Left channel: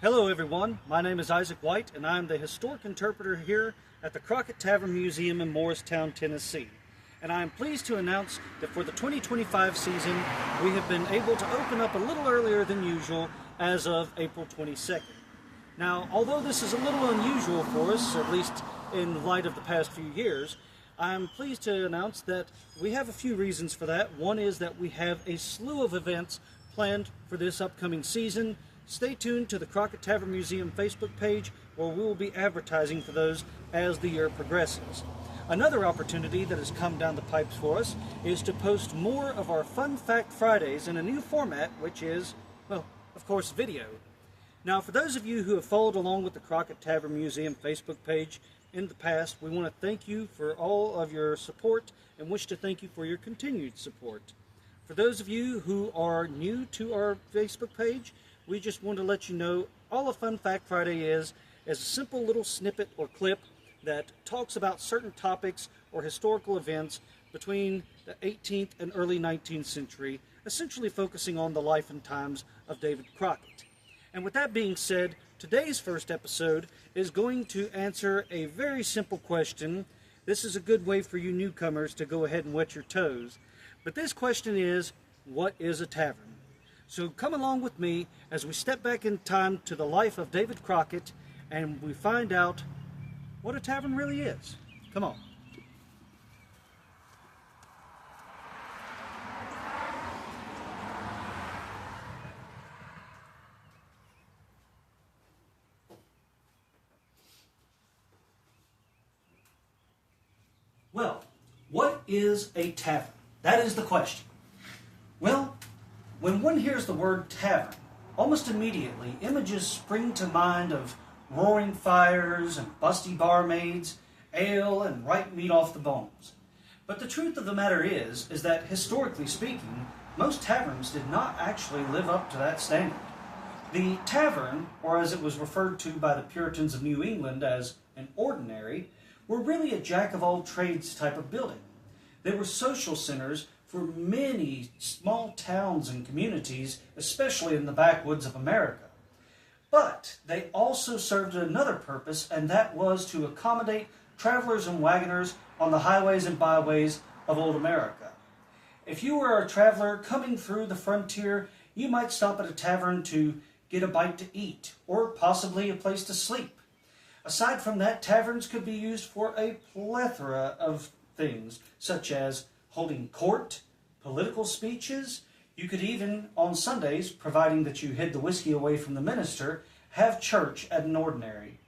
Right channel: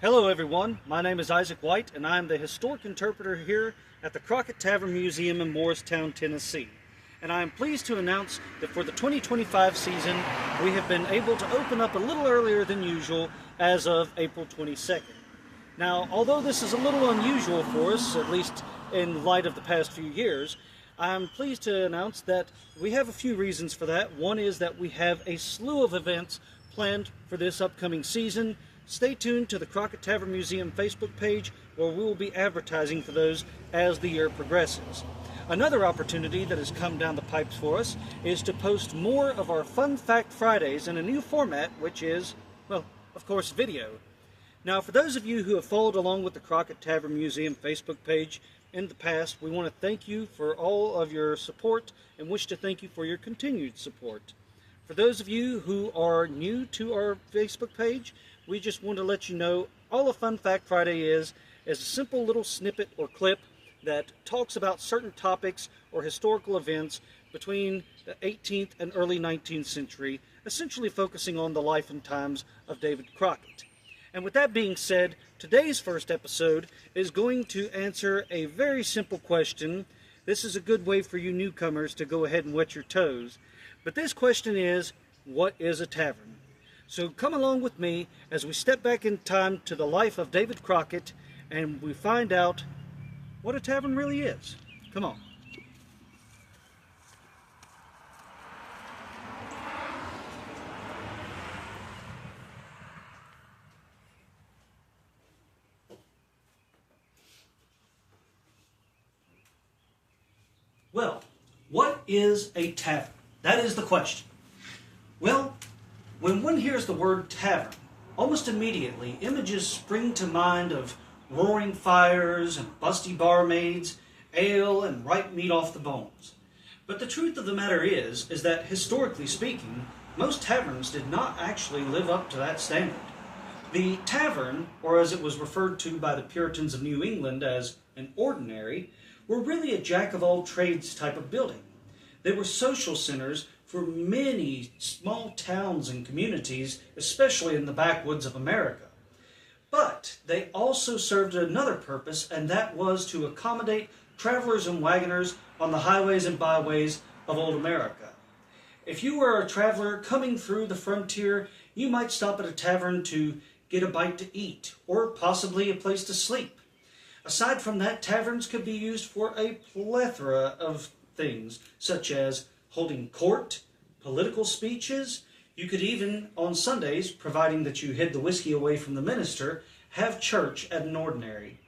Hello everyone, my name is Isaac White and I am the historic interpreter here at the Crockett Tavern Museum in Morristown, Tennessee. And I am pleased to announce that for the 2025 season, we have been able to open up a little earlier than usual as of April 22nd. Now, although this is a little unusual for us, at least in light of the past few years, I'm pleased to announce that we have a few reasons for that. One is that we have a slew of events planned for this upcoming season. Stay tuned to the Crockett Tavern Museum Facebook page where we will be advertising for those as the year progresses. Another opportunity that has come down the pipes for us is to post more of our Fun Fact Fridays in a new format, which is, well, of course, video. Now, for those of you who have followed along with the Crockett Tavern Museum Facebook page in the past, we want to thank you for all of your support and wish to thank you for your continued support. For those of you who are new to our Facebook page, we just want to let you know all a Fun Fact Friday is a simple little snippet or clip that talks about certain topics or historical events between the 18th and early 19th century, essentially focusing on the life and times of David Crockett. And with that being said, today's first episode is going to answer a very simple question. This is a good way for you newcomers to go ahead and wet your toes. But this question is, what is a tavern? So come along with me as we step back in time to the life of David Crockett and we find out what a tavern really is. Come on. Well, what is a tavern? That is the question. Well, when one hears the word tavern, almost immediately images spring to mind of roaring fires and busty barmaids, ale and ripe meat off the bones. But the truth of the matter is that historically speaking, most taverns did not actually live up to that standard. The tavern, or as it was referred to by the Puritans of New England as an ordinary, were really a jack-of-all-trades type of building. They were social centers for many small towns and communities, especially in the backwoods of America. But they also served another purpose, and that was to accommodate travelers and wagoners on the highways and byways of old America. If you were a traveler coming through the frontier, you might stop at a tavern to get a bite to eat, or possibly a place to sleep. Aside from that, taverns could be used for a plethora of things, such as holding court, political speeches. You could even, on Sundays, providing that you hid the whiskey away from the minister, have church at an ordinary.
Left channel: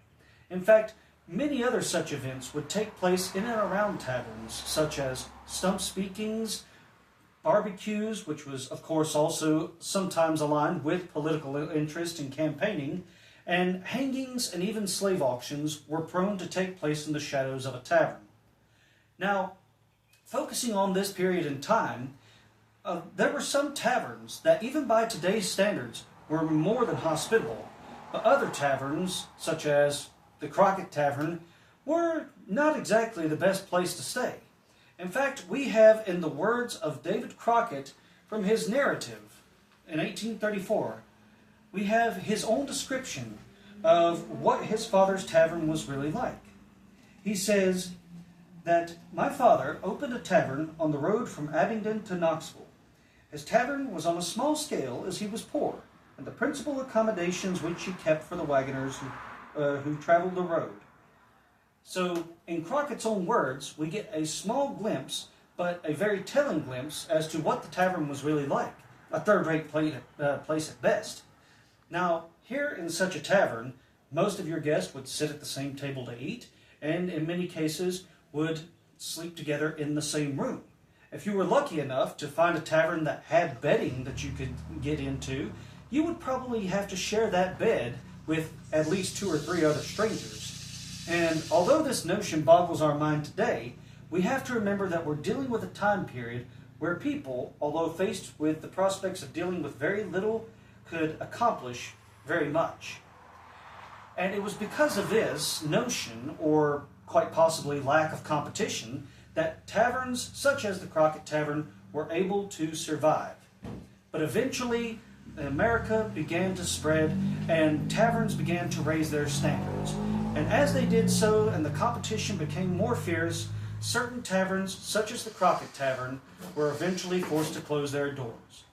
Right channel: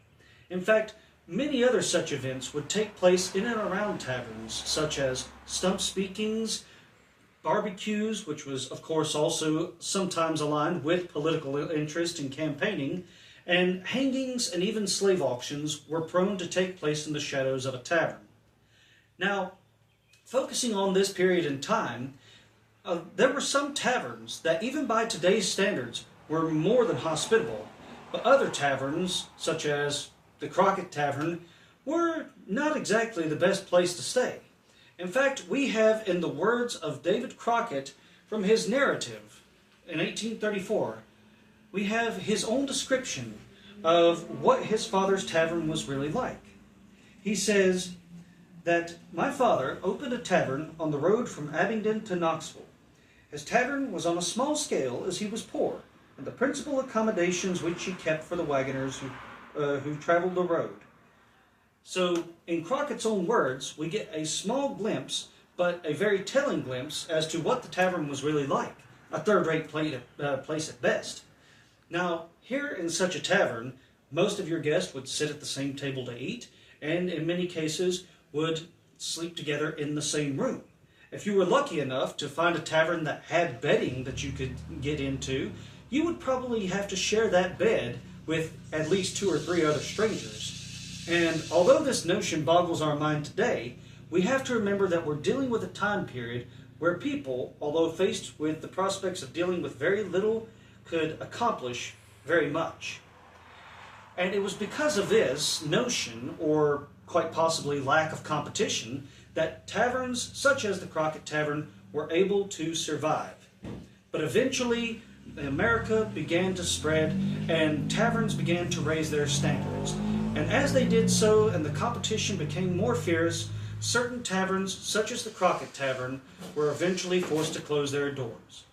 In fact, many other such events would take place in and around taverns, such as stump speakings, barbecues, which was, of course, also sometimes aligned with political interest and campaigning, and hangings and even slave auctions were prone to take place in the shadows of a tavern. Now, focusing on this period in time, there were some taverns that even by today's standards were more than hospitable, but other taverns, such as the Crockett Tavern, were not exactly the best place to stay. In fact, we have in the words of David Crockett from his narrative in 1834, we have his own description of what his father's tavern was really like. He says that my father opened a tavern on the road from Abingdon to Knoxville. His tavern was on a small scale as he was poor, and the principal accommodations which he kept for the wagoners who traveled the road. So, in Crockett's own words, we get a small glimpse, but a very telling glimpse as to what the tavern was really like, a third-rate place at best. Now, here in such a tavern, most of your guests would sit at the same table to eat, and in many cases would sleep together in the same room. If you were lucky enough to find a tavern that had bedding that you could get into, you would probably have to share that bed with at least 2 or 3 other strangers. And although this notion boggles our mind today, we have to remember that we're dealing with a time period where people, although faced with the prospects of dealing with very little, could accomplish very much. And it was because of this notion, or quite possibly lack of competition, that taverns such as the Crockett Tavern were able to survive. But eventually, America began to spread and taverns began to raise their standards. And as they did so and the competition became more fierce, certain taverns, such as the Crockett Tavern, were eventually forced to close their doors.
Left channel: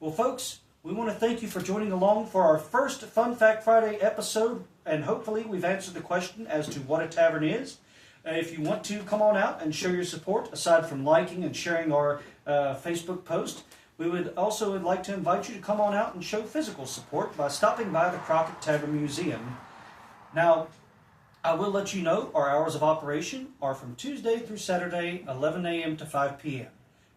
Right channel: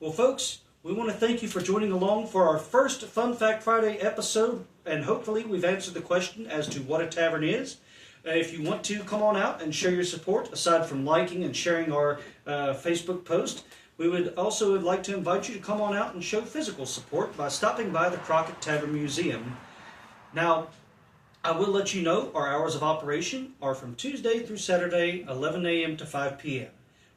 Well, folks, we want to thank you for joining along for our first Fun Fact Friday episode, and hopefully we've answered the question as to what a tavern is. If you want to, come on out and show your support, aside from liking and sharing our Facebook post. We would also like to invite you to come on out and show physical support by stopping by the Crockett Tavern Museum. Now, I will let you know our hours of operation are from Tuesday through Saturday, 11 a.m. to 5 p.m.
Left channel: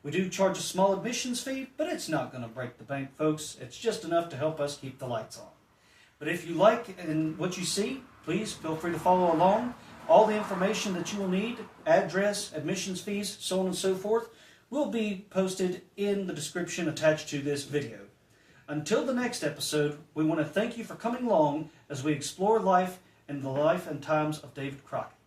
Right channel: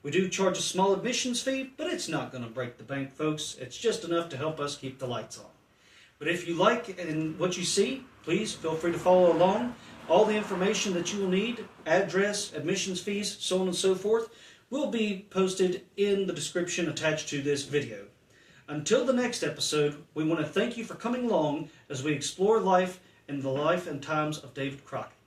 We do charge a small admissions fee, but it's not going to break the bank, folks. It's just enough to help us keep the lights on. But if you like what you see, please feel free to follow along. All the information that you will need, address, admissions fees, so on and so forth, will be posted in the description attached to this video. Until the next episode, we want to thank you for coming along as we explore life and the life and times of David Crockett.